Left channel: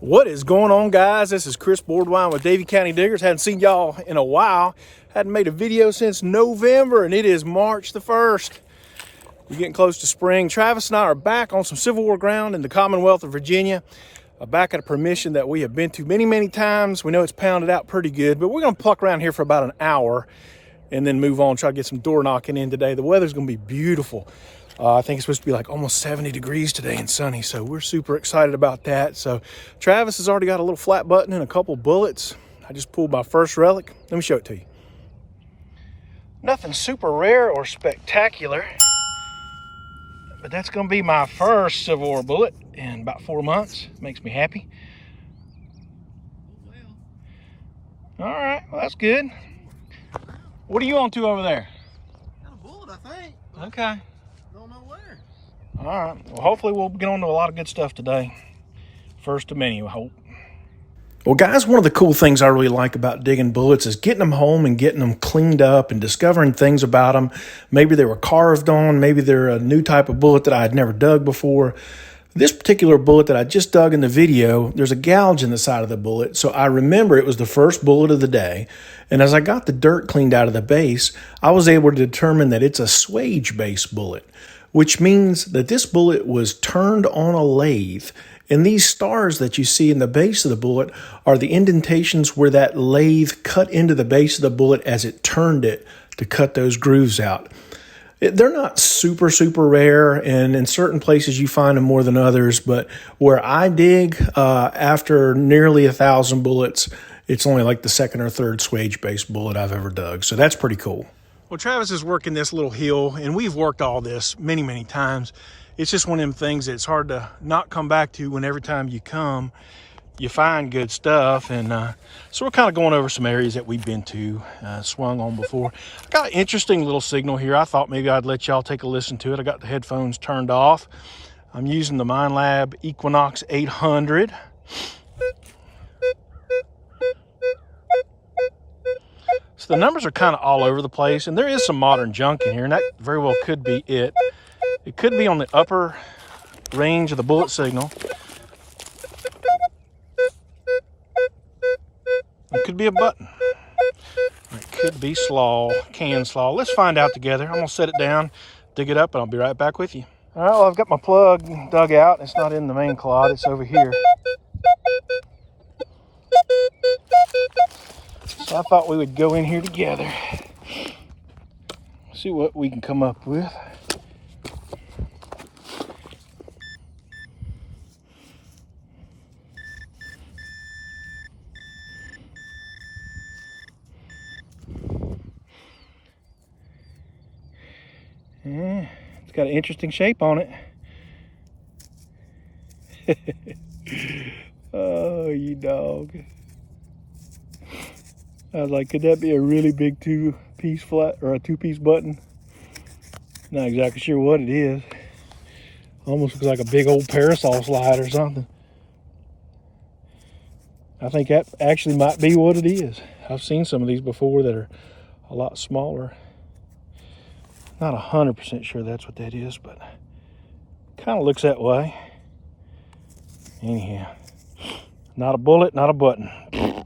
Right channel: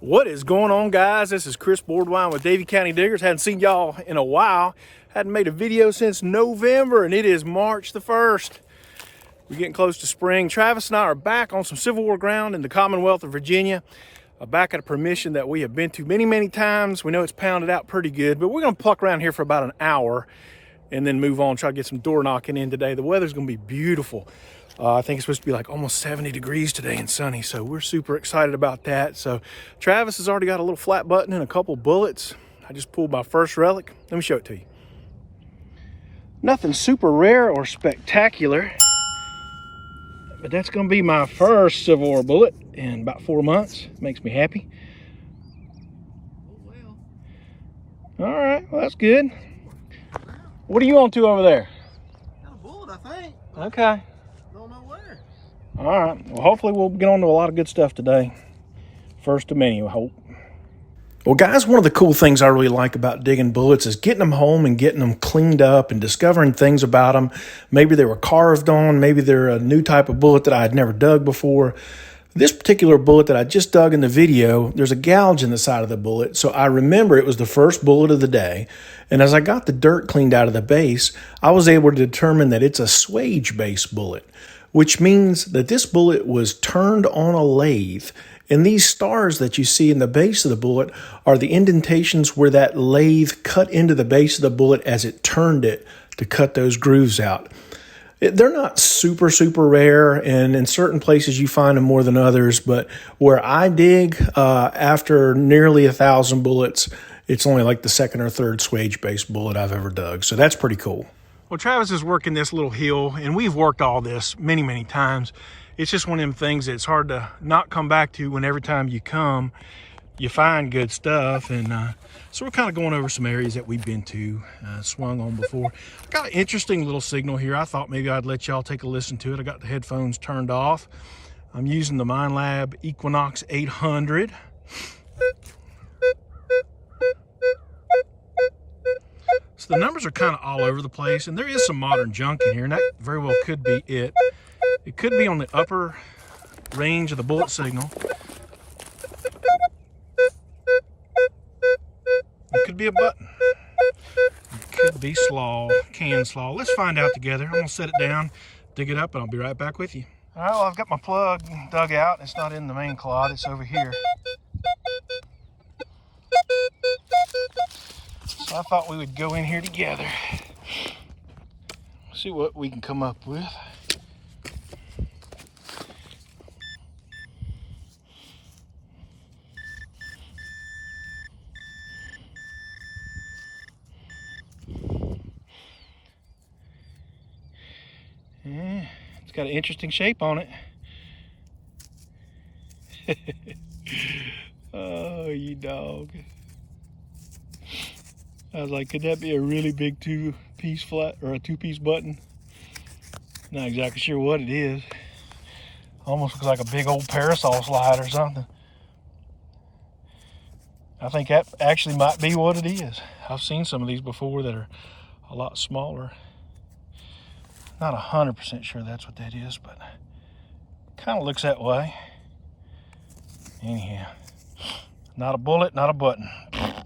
What is going on, guys? This is Chris Boardwine with Davie County Diggers. Hadn't seen y'all in a while. Hadn't made a video since November, and it is March the 1st. We're getting close to spring. Travis and I are back on some Civil War ground in the Commonwealth of Virginia. Back at a permission that we have been to many times. We know it's pounded out pretty good, but we're going to pluck around here for about an hour and then move on, try to get some door knocking in today. The weather's going to be beautiful. I think it's supposed to be like almost 70 degrees today and sunny, so we're super excited about that. So Travis has already got a little flat button and a couple bullets. I just pulled my first relic. Let me show it to you. Nothing super rare or spectacular, but that's going to be my first Civil War bullet in about 4 months. Makes me happy. All right, well, that's good. What are you on to over there? Got a bullet, I think. Okay. Don't know where. All right. Well, hopefully we'll get on to a lot of good stuff today. First of many, I hope. Well, guys, one of the cool things I really like about digging bullets is getting them home and getting them cleaned up and discovering things about them. Maybe they were carved on. Maybe they're a new type of bullet that I had never dug before. This particular bullet that I just dug in the video, there's a gouge in the side of the bullet, so I remember it was the first bullet of the day. And as I got the dirt cleaned out of the base, I was able to determine that it's a swage base bullet, which means that this bullet was turned on a lathe. And these stars that you see in the base of the bullet are the indentations where that lathe cut into the base of the bullet as it turned it to cut those grooves out. They're not super rare, and in certain places you find them more than others, but where I dig, after nearly 1,000 bullets, it's only like the second or third swage-based bullet I've ever dug, so that's pretty cool. Well, Travis is working this little hill, and we've worked all this many times. It's just one of them things that's hard to not come back to when every time you come, you find good stuff. And so we're kind of going over some areas that we've been to, swung on before. Got an interesting little signal here. I thought maybe I'd let y'all take a listen to it. I got the headphones turned off. I'm using the MindLab Equinox 800. So the numbers are kind of all over the place, and there is some modern junk in here, and that very well could be it. It could be on the upper range of the bullet signal. It could be a button. It could be slaw, can slaw. Let's find out together. I'm gonna set it down, dig it up, and I'll be right back with you. All right, well, I've got my plug dug out. It's not in the main clod, it's over here. So I thought we would go in here together. See what we can come up with. Yeah, it's got an interesting shape on it. Oh, you dog. I was like, could that be a really big two-piece flat or a two-piece button? Not exactly sure what it is. Almost looks like a big old parasol slide or something. I think that actually might be what it is. I've seen some of these before that are a lot smaller. Not 100% sure that's what that is, but kind of looks that way. Anyhow, not a bullet, not a button. I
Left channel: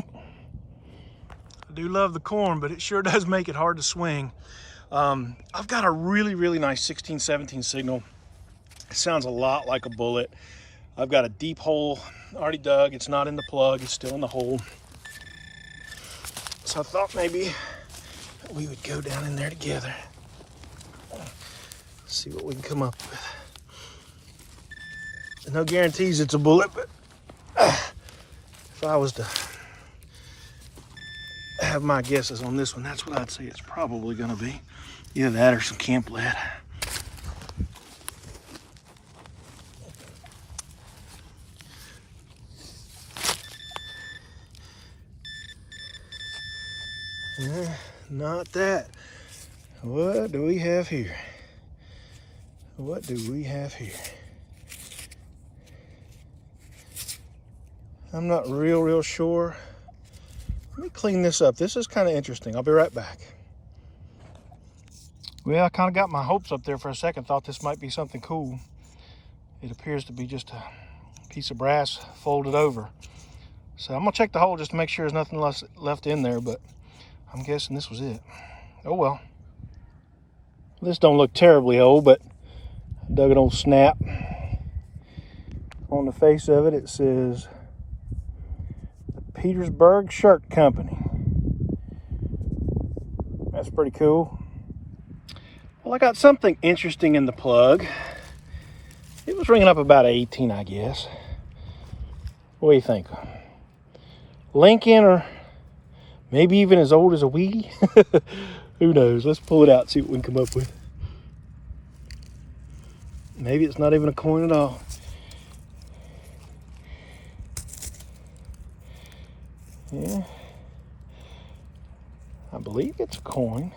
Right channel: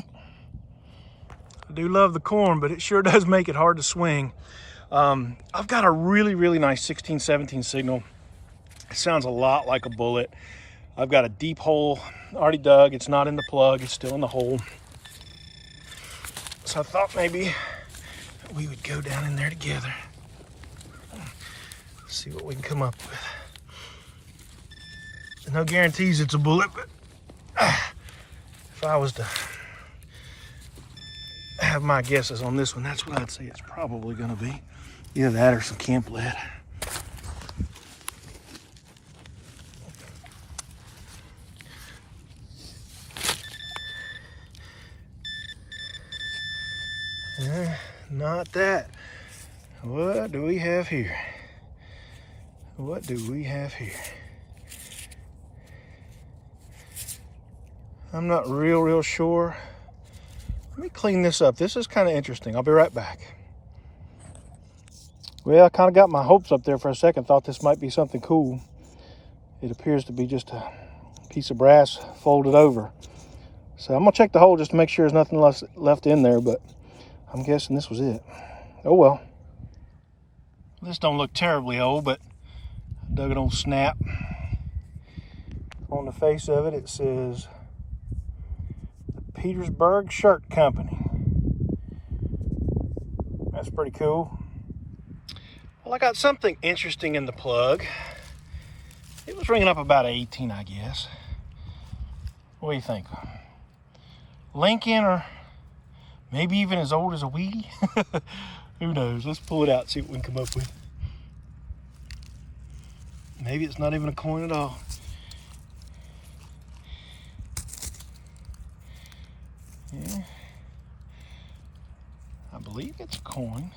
do love the corn, but it sure does make it hard to swing. I've got a really nice 16-17 signal. It sounds a lot like a bullet. I've got a deep hole already dug. It's not in the plug, it's still in the hole. So I thought maybe we would go down in there together. See what we can come up with. There's no guarantees it's a bullet, but if I was to have my guesses on this one, that's what I'd say it's probably gonna be. Either that or some camp lead. Not that. What do we have here? What do we have here? I'm not real sure. Let me clean this up. This is kind of interesting. I'll be right back. Well, I kind of got my hopes up there for a second. Thought this might be something cool. It appears to be just a piece of brass folded over. So I'm gonna check the hole just to make sure there's nothing left in there, but I'm guessing this was it. Oh well. This don't look terribly old, but I dug an old snap. On the face of it, it says Petersburg Shirt Company. That's pretty cool. Well, I got something interesting in the plug. It was ringing up about 18, I guess. What do you think? Lincoln, or maybe even as old as a Wheatie? Who knows? Let's pull it out and see what we can come up with. Maybe it's not even a coin at all. Yeah, I believe it's a coin.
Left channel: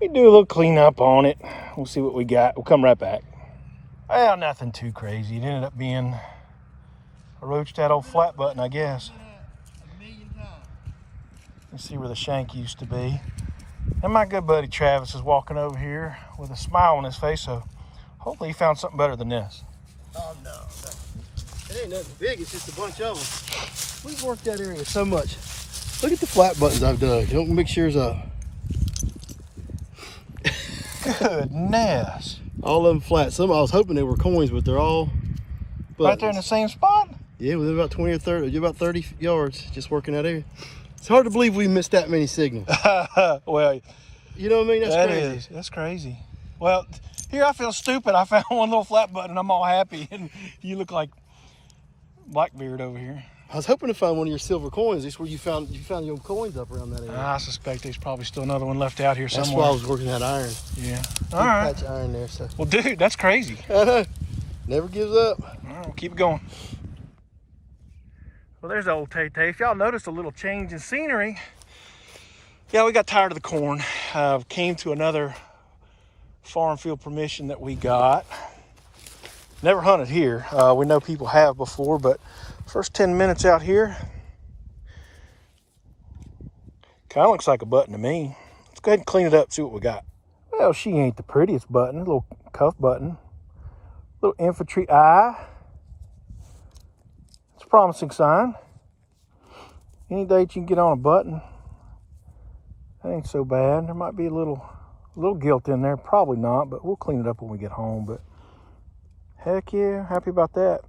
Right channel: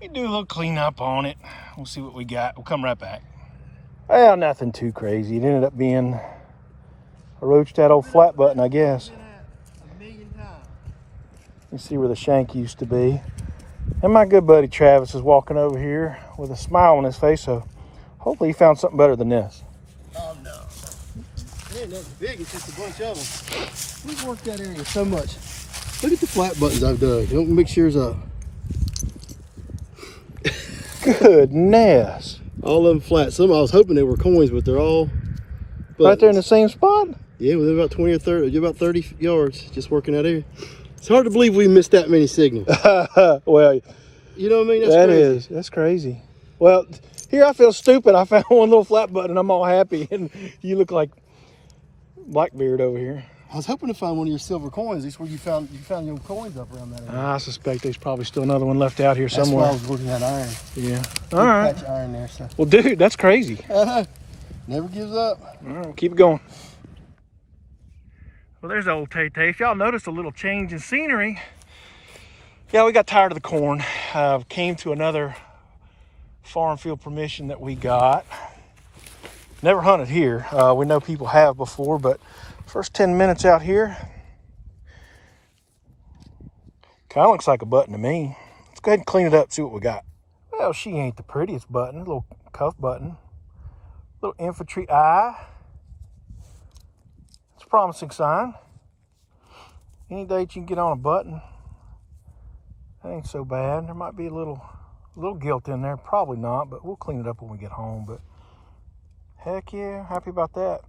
We do a little cleanup on it. We'll see what we got. We'll come right back. Well, nothing too crazy. It ended up being a roached out old flat button, I guess. Let's see where the shank used to be. And my good buddy Travis is walking over here with a smile on his face, so hopefully he found something better than this. Oh no, it ain't that big. It's just a bunch of them. We've worked that area so much. Look at the flat buttons I've dug. Don't mix yours up. Goodness. All of them flat. Some I was hoping they were coins, but they're all buttons. Right there in the same spot? Yeah, within about 20 or 30, about 30 yards, just working that area. It's hard to believe we missed that many signals. Well, you know what I mean? That's that crazy. is. That's crazy. Well, here I feel stupid. I found one little flat button. I'm all happy, and you look like Blackbeard over here. I was hoping to find one of your silver coins. That's where you found your coins up around that area. I suspect there's probably still another one left out here That's somewhere. why I was working that iron. Yeah. Big All right. patch of iron there. So. Well, dude, that's crazy. Never gives up. All right, keep it going. Well, there's the old Tay-Tay. If y'all noticed a little change in scenery, yeah, we got tired of the corn. Came to another farm field permission that we got. Never hunted here. We know people have before, but first 10 minutes out here, kind of looks like a button to me. Let's go ahead and clean it up, see what we got. Well, she ain't the prettiest button. A little cuff button. Little infantry eye. It's a promising sign. Any date you can get on a button, that ain't so bad. There might be a little gilt in there. Probably not, but we'll clean it up when we get home. But heck yeah, happy about that.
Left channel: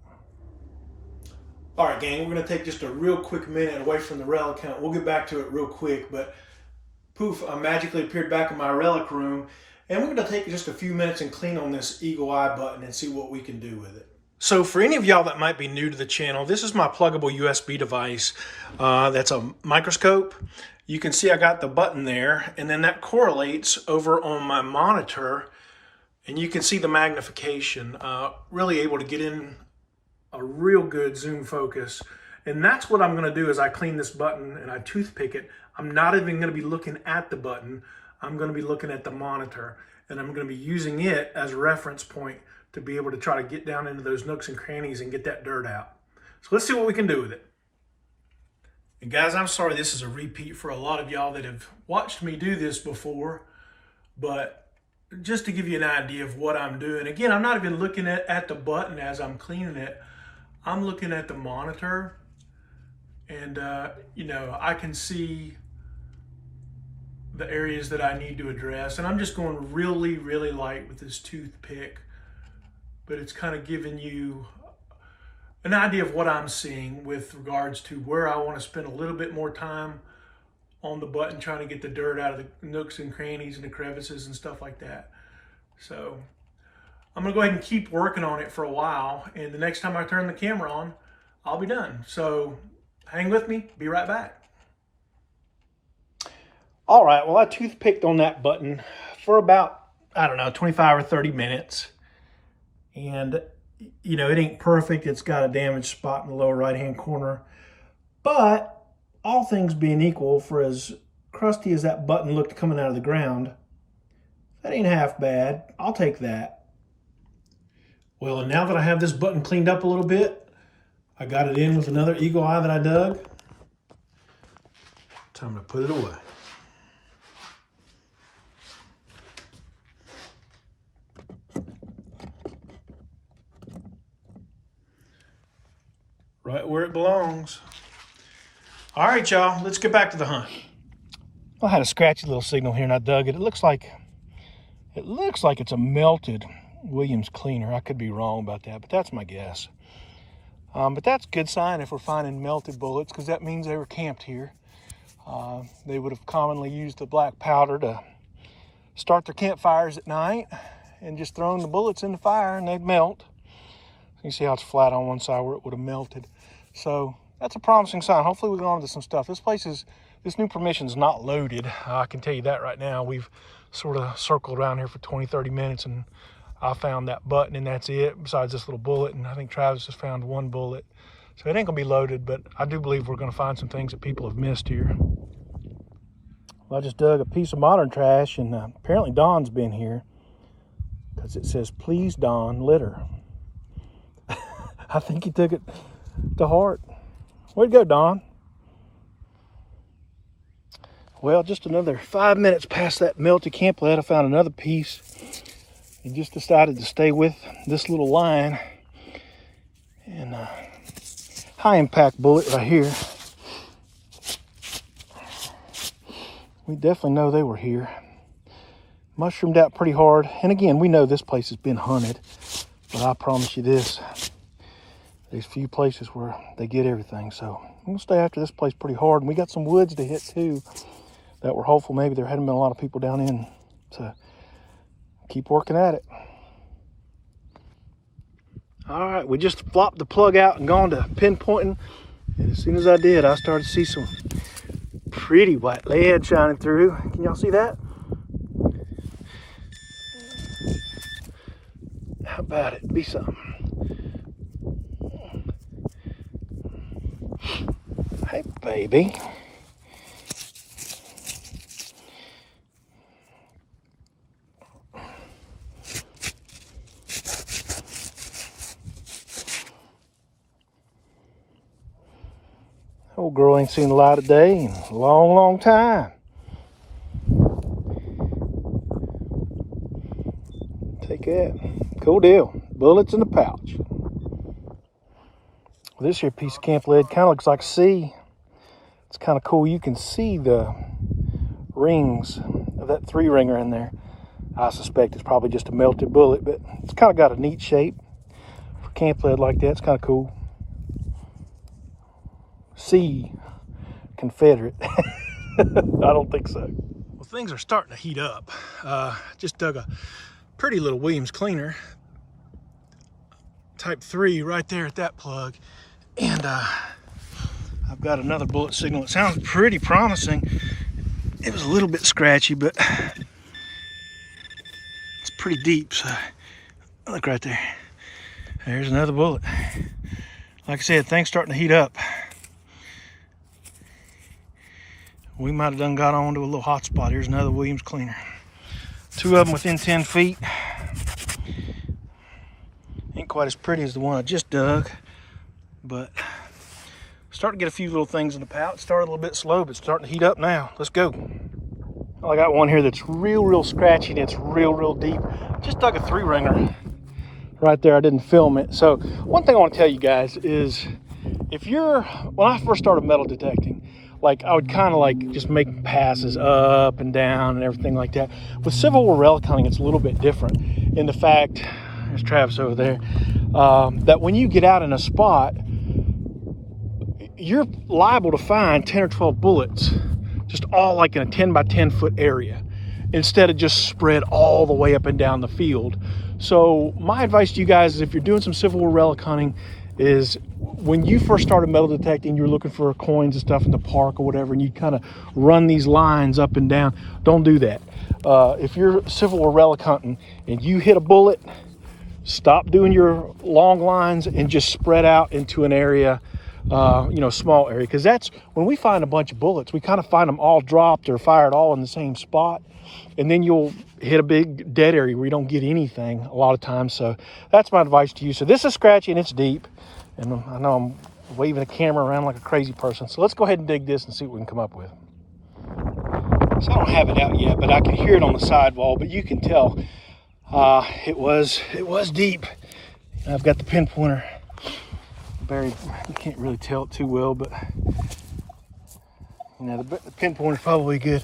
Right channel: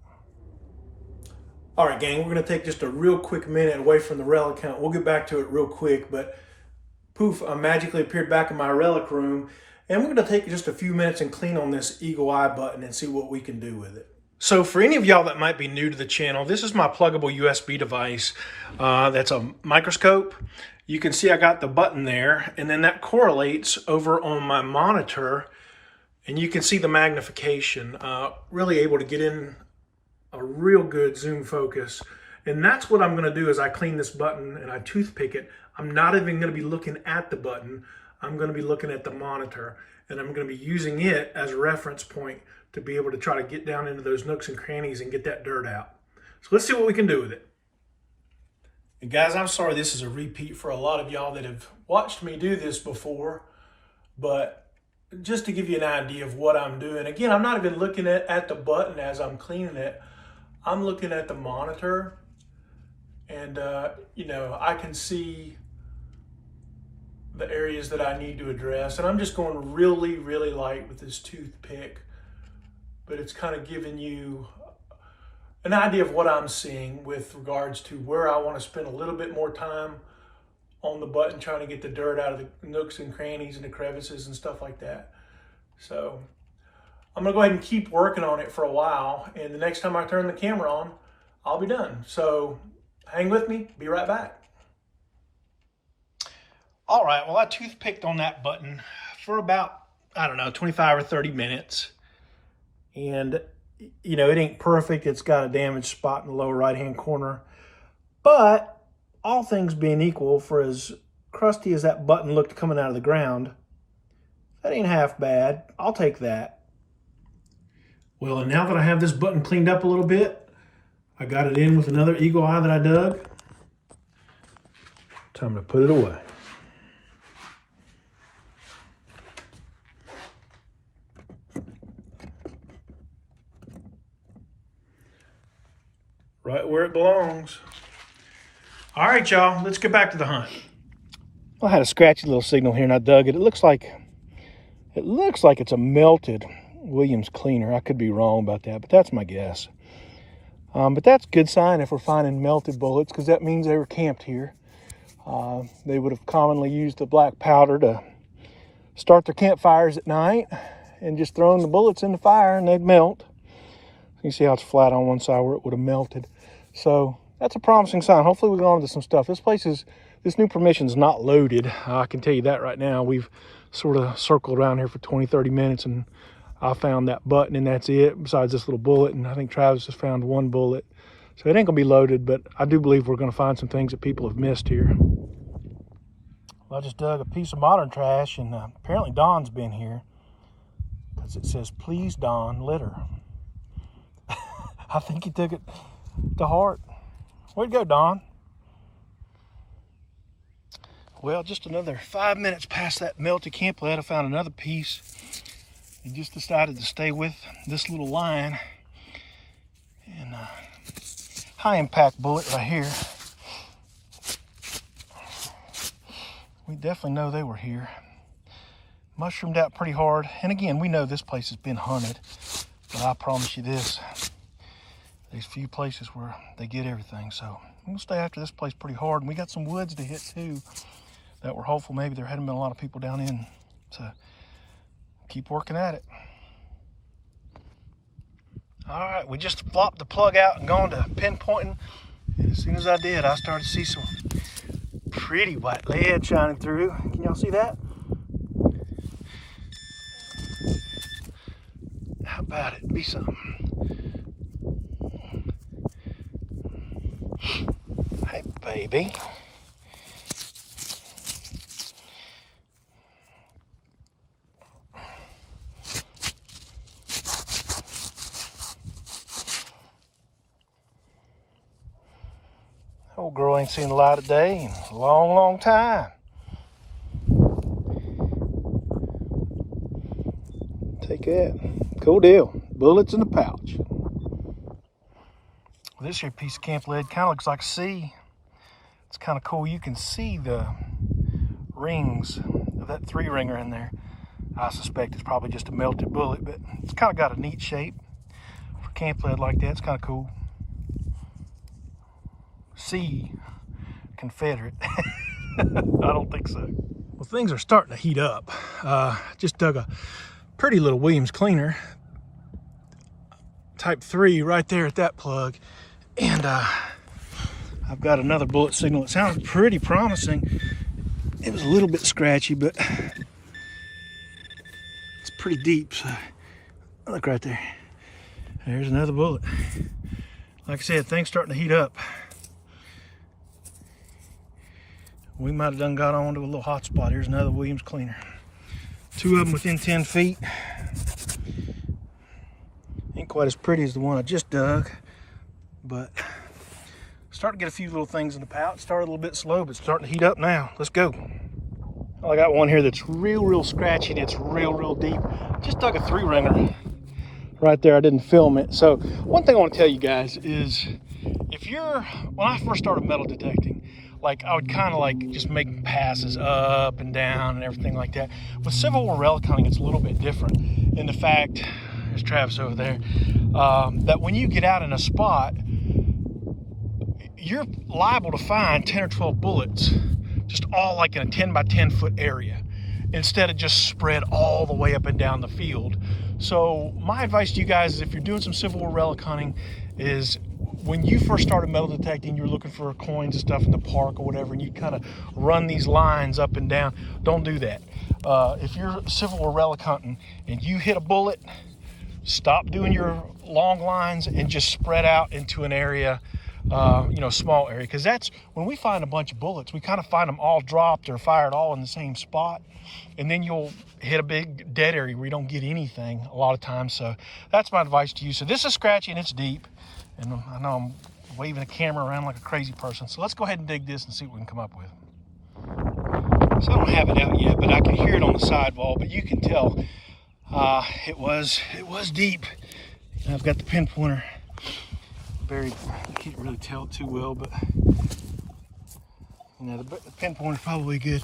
All right, gang, we're gonna take just a real quick minute away from the relic hunt. We'll get back to it real quick, but poof, I magically appeared back in my relic room, and we're gonna take just a few minutes and clean on this eagle eye button and see what we can do with it. So for any of y'all that might be new to the channel, this is my pluggable USB device. That's a microscope. You can see I got the button there, and then that correlates over on my monitor, and you can see the magnification. Really able to get in a real good zoom focus. And that's what I'm gonna do as I clean this button and I toothpick it. I'm not even gonna be looking at the button. I'm gonna be looking at the monitor, and I'm gonna be using it as a reference point to be able to try to get down into those nooks and crannies and get that dirt out. So let's see what we can do with it. And guys, I'm sorry this is a repeat for a lot of y'all that have watched me do this before, but just to give you an idea of what I'm doing. Again, I'm not even looking at the button as I'm cleaning it. I'm looking at the monitor, and you know, I can see the areas that I need to address, and I'm just going really, really light with this toothpick, but it's kind of giving you an idea of what I'm seeing with regards to where I want to spend a little bit more time on the button, trying to get the dirt out of the nooks and crannies and the crevices and stuff like that. So I'm gonna go ahead and keep working on it for a while, and the next time I turn the camera on, I'll be done. So hang with me, be right back. All right, well, I toothpicked on that button for about, I don't know, 25 or 30 minutes. And, you know, it ain't perfect. It's got a damaged spot in the lower right-hand corner. But all things being equal, for as crusty as that button looked coming out of the ground, that ain't half bad. I'll take that. Well, and now that I have this button cleaned up a little bit, I got it in with another eagle eye that I dug. Time to put it away. Right where it belongs. All right, y'all, let's get back to the hunt. I had a scratchy little signal here and I dug it. It looks like it's a melted Williams cleaner. I could be wrong about that, but that's my guess. But that's a good sign if we're finding melted bullets, because that means they were camped here. They would have commonly used the black powder to start their campfires at night and just throwing the bullets in the fire and they'd melt. You see how it's flat on one side where it would have melted. So that's a promising sign. Hopefully we go on to some stuff. This new permission is not loaded. I can tell you that right now. We've sort of circled around here for 20-30 minutes and I found that button and that's it, besides this little bullet, and I think Travis just found one bullet. So it ain't gonna be loaded, but I do believe we're gonna find some things that people have missed here. Well, I just dug a piece of modern trash, and apparently Don's been here, because it says, "Please, Don, litter." I think he took it to heart. Way to go, Don. Well, just another 5 minutes past that melted camp lead, I found another piece and just decided to stay with this little line. And high impact bullet right here. We definitely know they were here. Mushroomed out pretty hard. And again, we know this place has been hunted. But I promise you this, there's few places where they get everything. So I'm gonna stay after this place pretty hard. And we got some woods to hit too, that we're hopeful maybe there hadn't been a lot of people down in. So keep working at it. All right, we just flopped the plug out and gone to pinpointing. And as soon as I did, I started to see some pretty white lead shining through. Can y'all see that? How about it? Be something. Hey, baby. Old girl ain't seen the light of day in a long, long time. Take that. Cool deal. Bullets in the pouch. This here piece of camp lead kind of looks like a C. It's kind of cool. You can see the rings of that 3-ringer in there. I suspect it's probably just a melted bullet, but it's kind of got a neat shape for camp lead like that. It's kind of cool. C, Confederate. I don't think so. Well, things are starting to heat up. Just dug a pretty little Williams cleaner, type 3, right there at that plug. And I've got another bullet signal. It sounds pretty promising. It was a little bit scratchy, but it's pretty deep. So look right there. There's another bullet. Like I said, things starting to heat up. We might have done got onto a little hot spot. Here's another Williams cleaner. 2 of them within 10 feet. Ain't quite as pretty as the one I just dug, but starting to get a few little things in the pouch. Started a little bit slow, but starting to heat up now. Let's go. Well, I got one here that's real scratchy and it's real deep. Just dug a 3-ringer right there. I didn't film it. So one thing I want to tell you guys is, when I first started metal detecting, like I would kind of like just make passes up and down and everything like that. With Civil War Relic hunting, it's a little bit different in the fact, there's Travis over there, that when you get out in a spot, you're liable to find 10 or 12 bullets, just all like in a 10 by 10 foot area, instead of just spread all the way up and down the field. So my advice to you guys is, if you're doing some Civil War Relic hunting, is when you first started metal detecting, you were looking for coins and stuff in the park or whatever, and you kind of run these lines up and down. Don't do that. If you're Civil War Relic hunting and you hit a bullet, stop doing your long lines and just spread out into an area, small area. Because that's when we find a bunch of bullets, we kind of find them all dropped or fired all in the same spot. And then you'll hit a big dead area where you don't get anything a lot of times. So that's my advice to you. So this is scratchy and it's deep. And I know I'm waving the camera around like a crazy person. So let's go ahead and dig this and see what we can come up with. So I don't have it out yet, but I can hear it on the sidewall. But you can tell it was deep. I've got the pinpointer Very, you can't really tell it too well, but you know, the pinpoint is probably good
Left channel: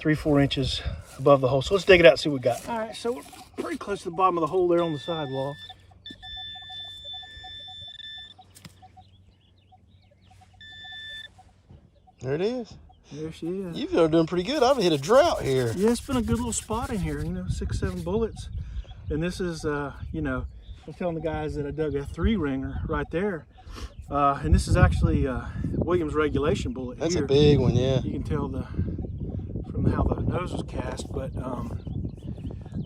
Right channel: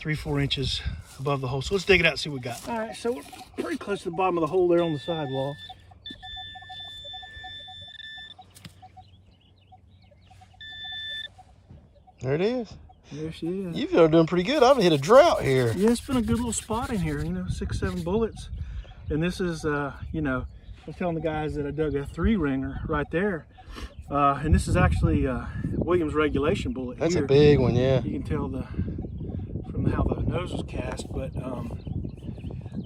3-4 inches above the hole. So let's dig it out and see what we got. All right, so we're pretty close to the bottom of the hole there on the sidewall. There it is. There she is. You are doing pretty good. I've hit a drought here. Yeah, it's been a good little spot in here, you know, 6-7 bullets. And this is, you know, I was telling the guys that I dug a 3-ringer right there. And this is actually Williams regulation bullet. That's here. a big one, yeah. You can tell from how the nose was cast, but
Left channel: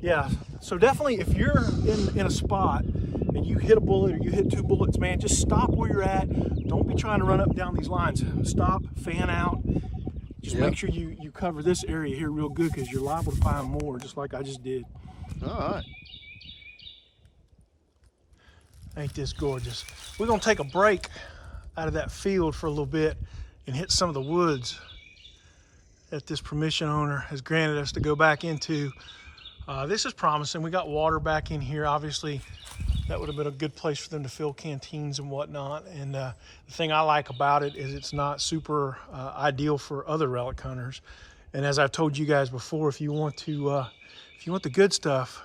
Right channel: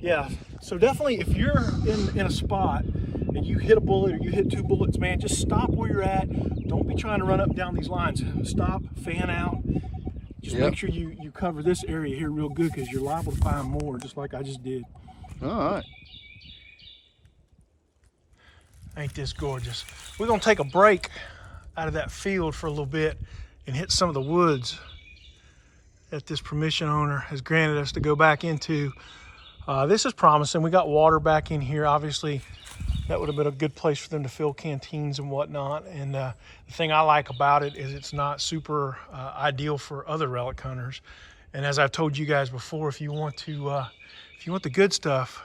yeah. So definitely, if you're in a spot and you hit a bullet or you hit 2 bullets, man, just stop where you're at. Don't be trying to run up and down these lines. Stop, fan out. Just make sure you cover this area here real good, because you're liable to find more, just like I just did. All right. Ain't this gorgeous? We're gonna take a break out of that field for a little bit and hit some of the woods that this permission owner has granted us to go back into. This is promising. We got water back in here. Obviously, that would have been a good place for them to fill canteens and whatnot. And the thing I like about it is it's not super ideal for other relic hunters. And as I've told you guys before, if you want the good stuff,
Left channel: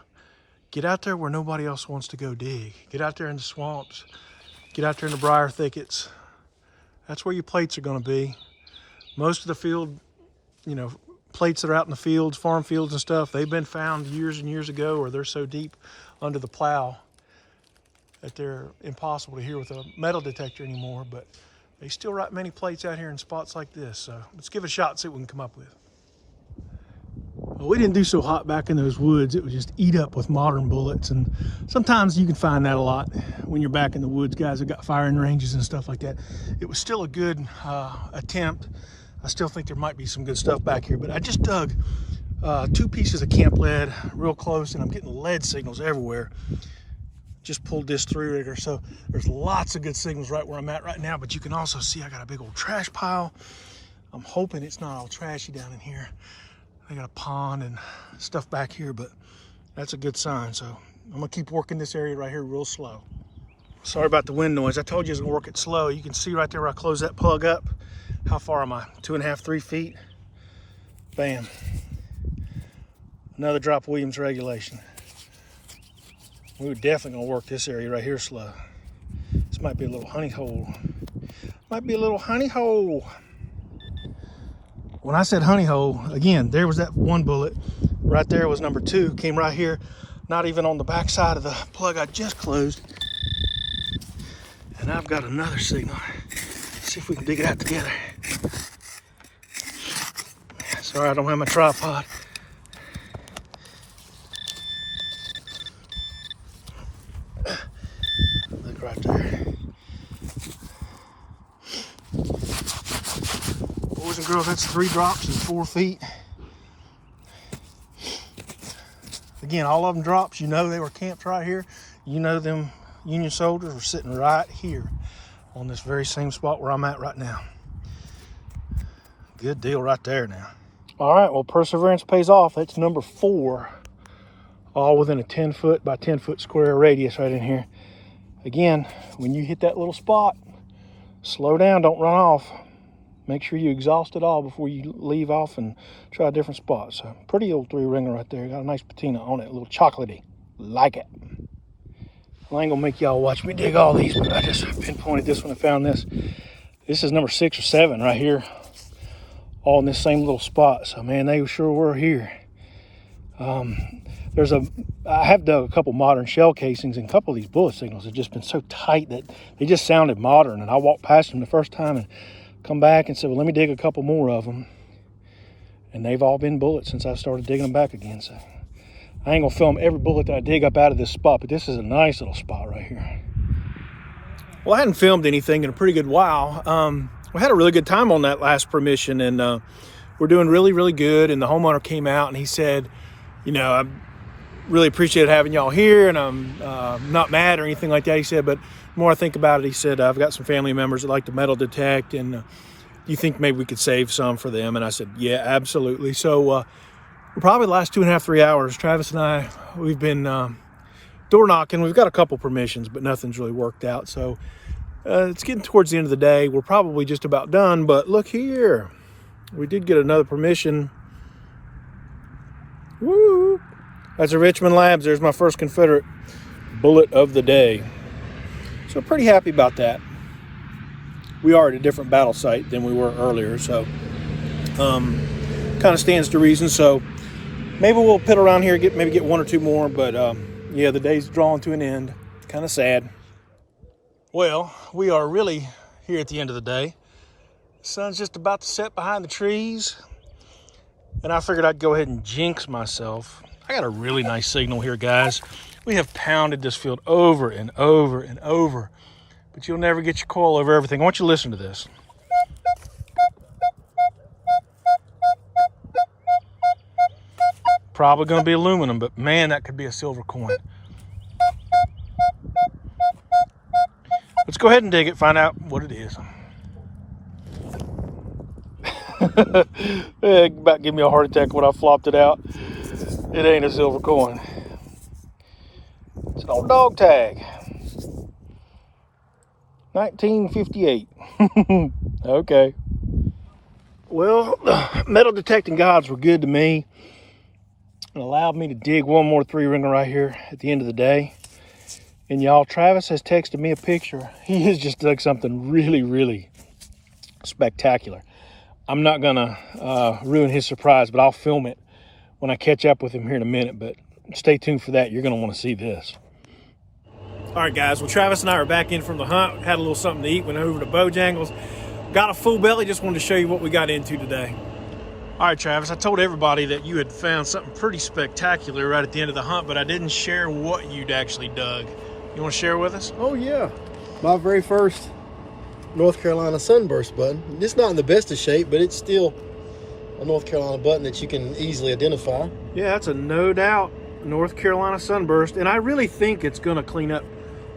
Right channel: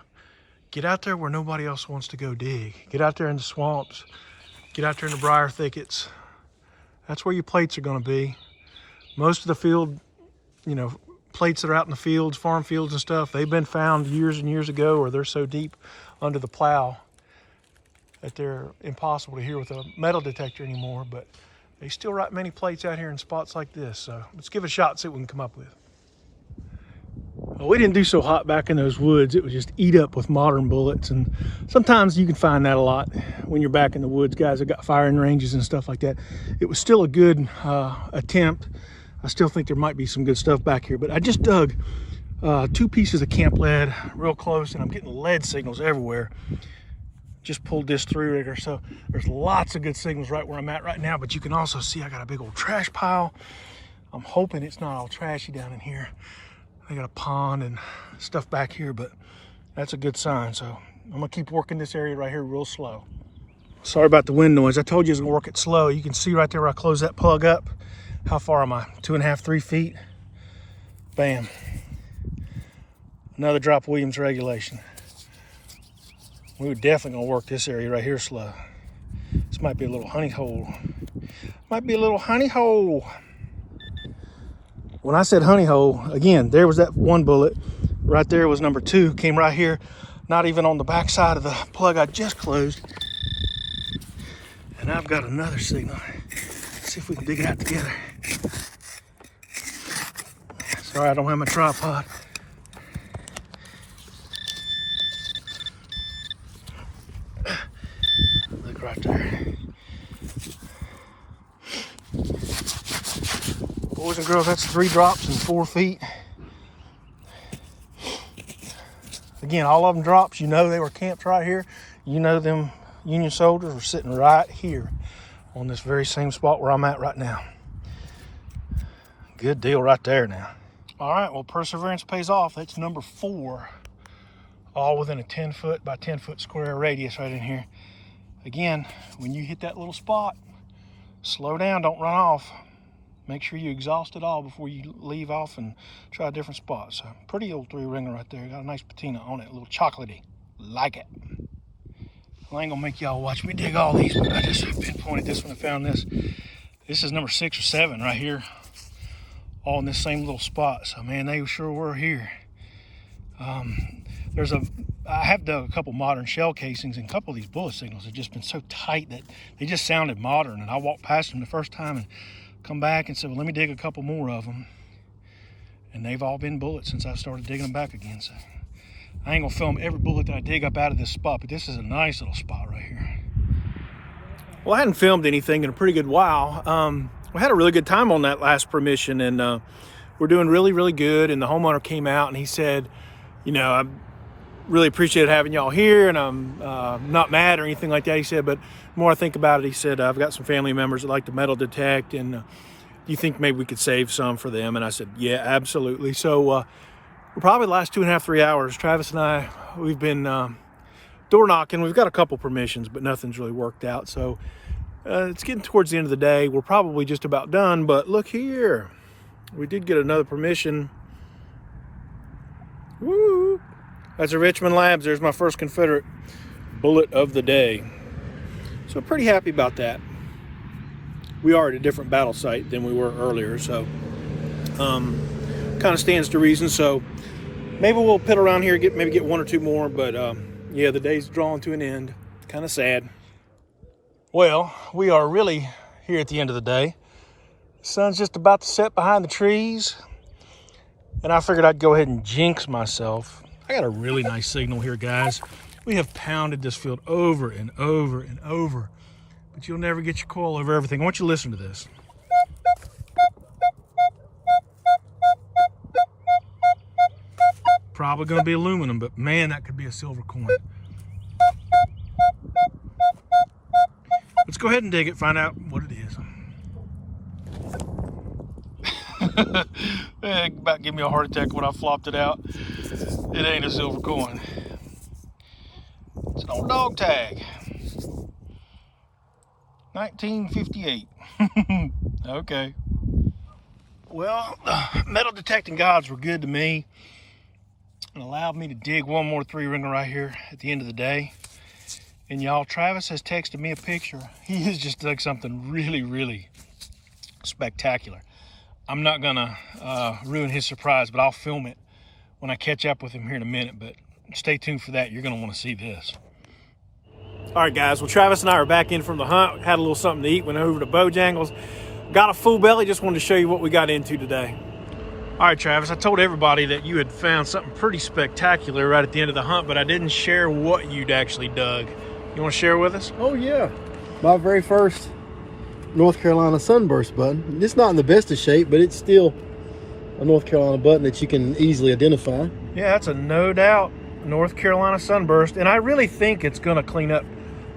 get out there where nobody else wants to go dig. Get out there in the swamps. Get out there in the briar thickets. That's where your plates are going to be. Most of the field, you know, plates that are out in the fields, farm fields and stuff, they've been found years and years ago, or they're so deep under the plow that they're impossible to hear with a metal detector anymore. But they still write many plates out here in spots like this. So let's give it a shot and see what we can come up with. Well, we didn't do so hot back in those woods. It was just eat up with modern bullets. And sometimes you can find that a lot when you're back in the woods. Guys have got firing ranges and stuff like that. It was still a good attempt. I still think there might be some good stuff back here, but I just dug 2 pieces of camp lead real close, and I'm getting lead signals everywhere. Just pulled this 3-rigger, so there's lots of good signals right where I'm at right now, but you can also see I got a big old trash pile. I'm hoping it's not all trashy down in here. I got a pond and stuff back here, but that's a good sign. So I'm gonna keep working this area right here real slow. Sorry about the wind noise. I told you I was gonna work it slow. You can see right there where I close that plug up. How far am I? 2.5, 3 feet. Bam. Another drop Williams regulation. We were definitely gonna work this area right here slow. This might be a little honey hole. Might be a little honey hole. When I said honey hole, again, there was that 1 bullet. Right there was number 2. Came right here, not even on the back side of the plug I just closed. And I've got another signal. Let's see if we can dig it out together. Sorry, I don't have my tripod. Look right there. Boys and girls, that's 3 drops in 4 feet. Again, all of them drops. You know they were camped right here. You know them Union soldiers were sitting right here on this very same spot where I'm at right now. Good deal right there now. All right, well, perseverance pays off. That's number 4, all within a 10-foot by 10-foot square radius right in here. Again, when you hit that little spot, slow down, don't run off. Make sure you exhaust it all before you leave off and try a different spot. So pretty old 3-ringer right there. Got a nice patina on it, a little chocolatey. Like it. Well, I ain't gonna make y'all watch me dig all these, but I just pinpointed this one and found this. This is number 6 or 7 right here, all in this same little spot. So man, they sure were here. I have dug a couple modern shell casings, and a couple of these bullet signals have just been so tight that they just sounded modern. And I walked past them the first time and come back and said, well, let me dig a couple more of them. And they've all been bullets since I started digging them back again. So I ain't gonna film every bullet that I dig up out of this spot, but this is a nice little spot right here. Well, I hadn't filmed anything in a pretty good while. We had a really good time on that last permission, and we're doing really, really good. And the homeowner came out and he said, you know, I really appreciate having y'all here, and I'm not mad or anything like that. He said, but the more I think about it, he said, I've got some family members that like to metal detect, and you think maybe we could save some for them? And I said, yeah, absolutely. So we're probably the last 2.5, 3 hours, Travis and I, we've been door knocking. We've got a couple permissions, but nothing's really worked out. So It's getting towards the end of the day. We're probably just about done, but look here. We did get another permission. Woo! That's a Richmond Labs. There's my first Confederate bullet of the day. So pretty happy about that. We are at a different battle site than we were earlier, so kind of stands to reason. So maybe we'll pit around here, maybe get one or two more, but yeah, the day's drawing to an end. Kind of sad. Well, we are really here at the end of the day. The sun's just about to set behind the trees, and I figured I'd go ahead and jinx myself. I got a really nice signal here, guys. We have pounded this field over and over and over, but you'll never get your coil over everything. I want you to listen to this. Probably going to be aluminum, but man, that could be a silver coin. Let's go ahead and dig it, find out what it is. About give me a heart attack when I flopped it out. It ain't a silver coin. It's an old dog tag. 1958. Okay. Well, metal detecting gods were good to me. It allowed me to dig one more 3-ringer right here at the end of the day. And y'all, Travis has texted me a picture. He has just dug something really, really spectacular. I'm not gonna ruin his surprise, but I'll film it when I catch up with him here in a minute. But stay tuned for that. You're gonna want to see this. All right, guys. Well, Travis and I are back in from the hunt. Had a little something to eat. Went over to Bojangles. Got a full belly. Just wanted to show you what we got into today. All right, Travis, I told everybody that you had found something pretty spectacular right at the end of the hunt, but I didn't share what you'd actually dug. You want to share with us? Oh yeah, my very first North Carolina sunburst button. It's not in the best of shape, but it's still a North Carolina button that you can easily identify. Yeah, that's a no doubt North Carolina sunburst, and I really think it's going to clean up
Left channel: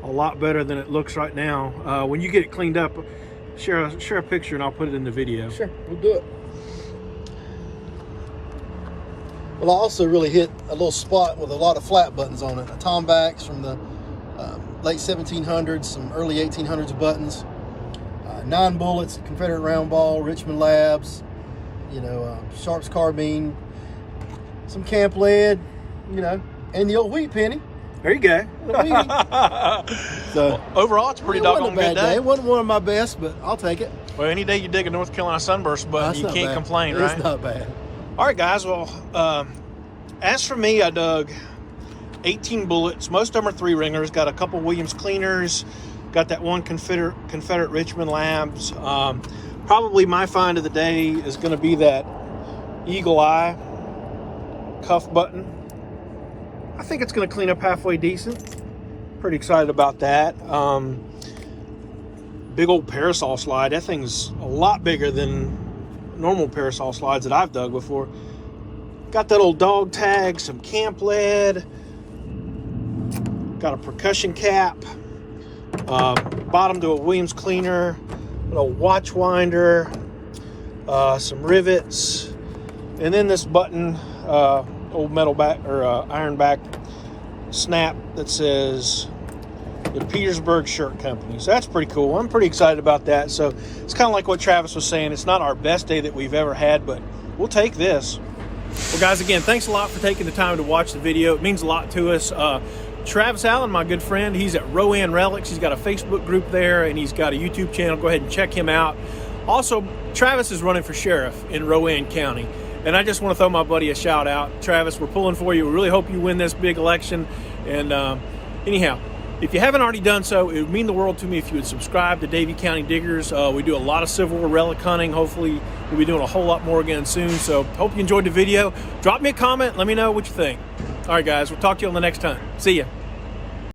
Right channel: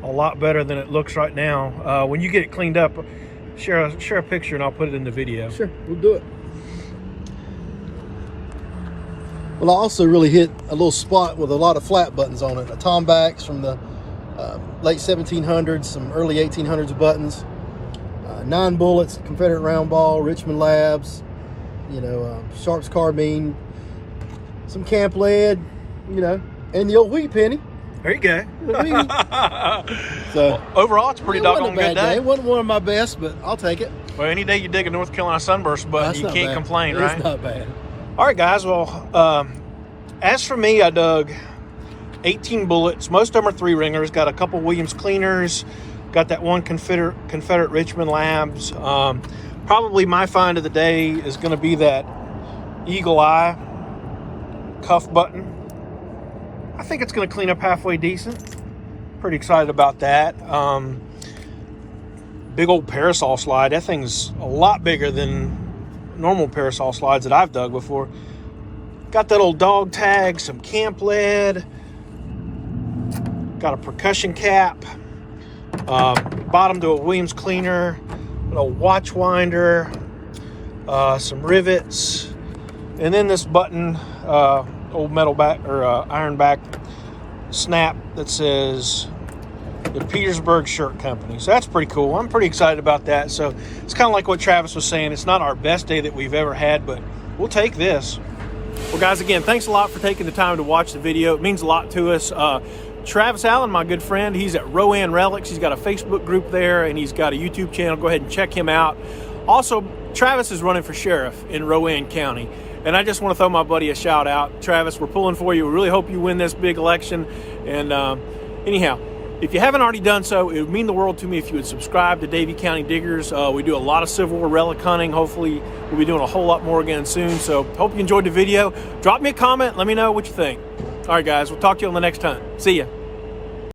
a lot better than it looks right now. When you get it cleaned up, share a picture and I'll put it in the video. Sure, we'll do it. Well, I also really hit a little spot with a lot of flat buttons on it. A Tombacks from the late 1700s, some early 1800s buttons. 9 bullets, Confederate round ball, Richmond Labs, you know, Sharp's carbine, some camp lead, you know, and the old wheat penny. There you go. So overall, it's pretty doggone good day. It wasn't one of my best, but I'll take it. Well, any day you dig a North Carolina sunburst button, you can't complain, right? It's not bad. All right, guys. Well, as for me, I dug 18 bullets. Most of them are 3-ringers. Got a couple Williams cleaners. Got that one Confederate Richmond Labs. Probably my find of the day is going to be that Eagle Eye cuff button. I think it's going to clean up halfway decent. Pretty excited about that. Big old parasol slide. That thing's a lot bigger than normal parasol slides that I've dug before. Got that old dog tag, some camp lead. Got a percussion cap. Bottom to a Williams cleaner. A little watch winder. Some rivets. And then this button, old metal back or iron back snap that says the Petersburg Shirt Company. So that's pretty cool. I'm pretty excited about that. So it's kind of like what Travis was saying. It's not our best day that we've ever had, but we'll take this. Well, guys, again, thanks a lot for taking the time to watch the video. It means a lot to us. Travis Allen, my good friend, he's at Rowan Relics. He's got a Facebook group there, and he's got a YouTube channel. Go ahead and check him out. Also, Travis is running for sheriff in Rowan County. And I just want to throw my buddy a shout out. Travis, we're pulling for you. We really hope you win this big election. And anyhow, if you haven't already done so, it would mean the world to me if you would subscribe to Davie County Diggers. We do a lot of Civil War relic hunting. Hopefully, we'll be doing a whole lot more again soon. So hope you enjoyed the video. Drop me a comment. Let me know what you think. All right, guys, we'll talk to you on the next time. See ya.